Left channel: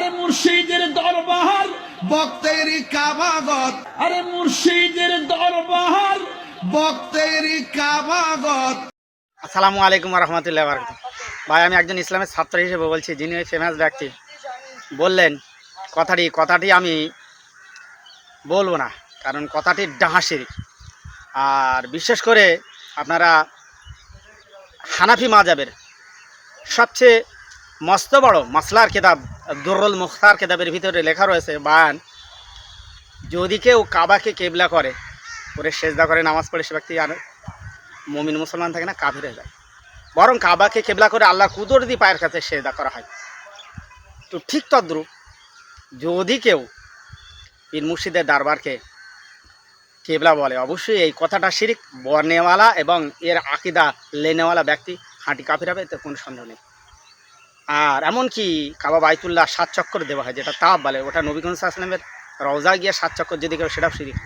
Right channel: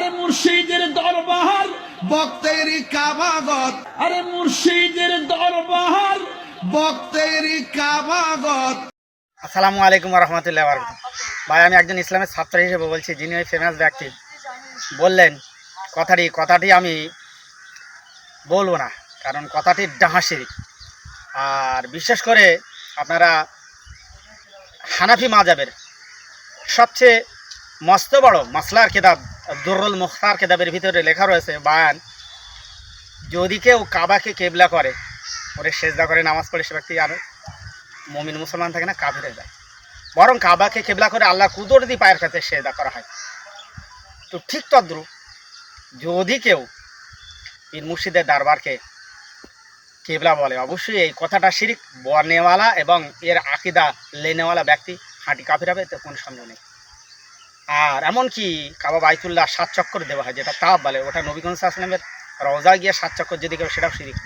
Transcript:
আরে মুর্শিদের দরবার বক্তেরি কাবাগত। আরে মুর্শিদের দরবার। বক্তেরি কাবাগত। আসসালামু আলাইকুম রহমতুল্লাহ বারকাত ভাই আমি একজন ইসলামের ছাত্র হিসেবে বলছি যিনি ওই ফেমাস ব্যক্তি। বললেন কথাটি কথাটি আমি বলব না কারণ কথাটি ডাহাসির আর বিশেষ করে আপনারা হানাফি মাজাবের সবচেয়ে মস্ত বড় মাসলার কেতাব, দুরুল মুখতার কেতাবের ভিতরে লেখা রয়েছে, বায়ান। যদি কেউ কাবাকে কেবলা করে করে সেজদা করে, নামাজ পড়ে সে ব্যক্তি আর মমিন মুসলমান থাকে না, কাফের হয়ে যায়। বরং কাবাকে কেবলা করে আল্লাহ কুদরতি পায়ের কাছে সেজদা করা হয়। তো ঠিক তদ্রুপ যদি কেউ পীর মুর্শিদের দরবারকে কেবলা বলে, অবশ্যই এই কথাটা শিরিক বর্ণেওয়ালা এবং এর আকিদা লেনেওয়ালা ব্যক্তি হাঁটি কাফির হবে কোনো সন্দেহ নেই। আর এমনকি কাবা বাইতুল্লাহ সাত চক্কর দেওয়া হয়, যেটা তাপ বলে, ওটা নবীগঞ্জ আসলামের রওজা গিয়ে সাত চক্কর যদি কেউ সেটাও শিরিক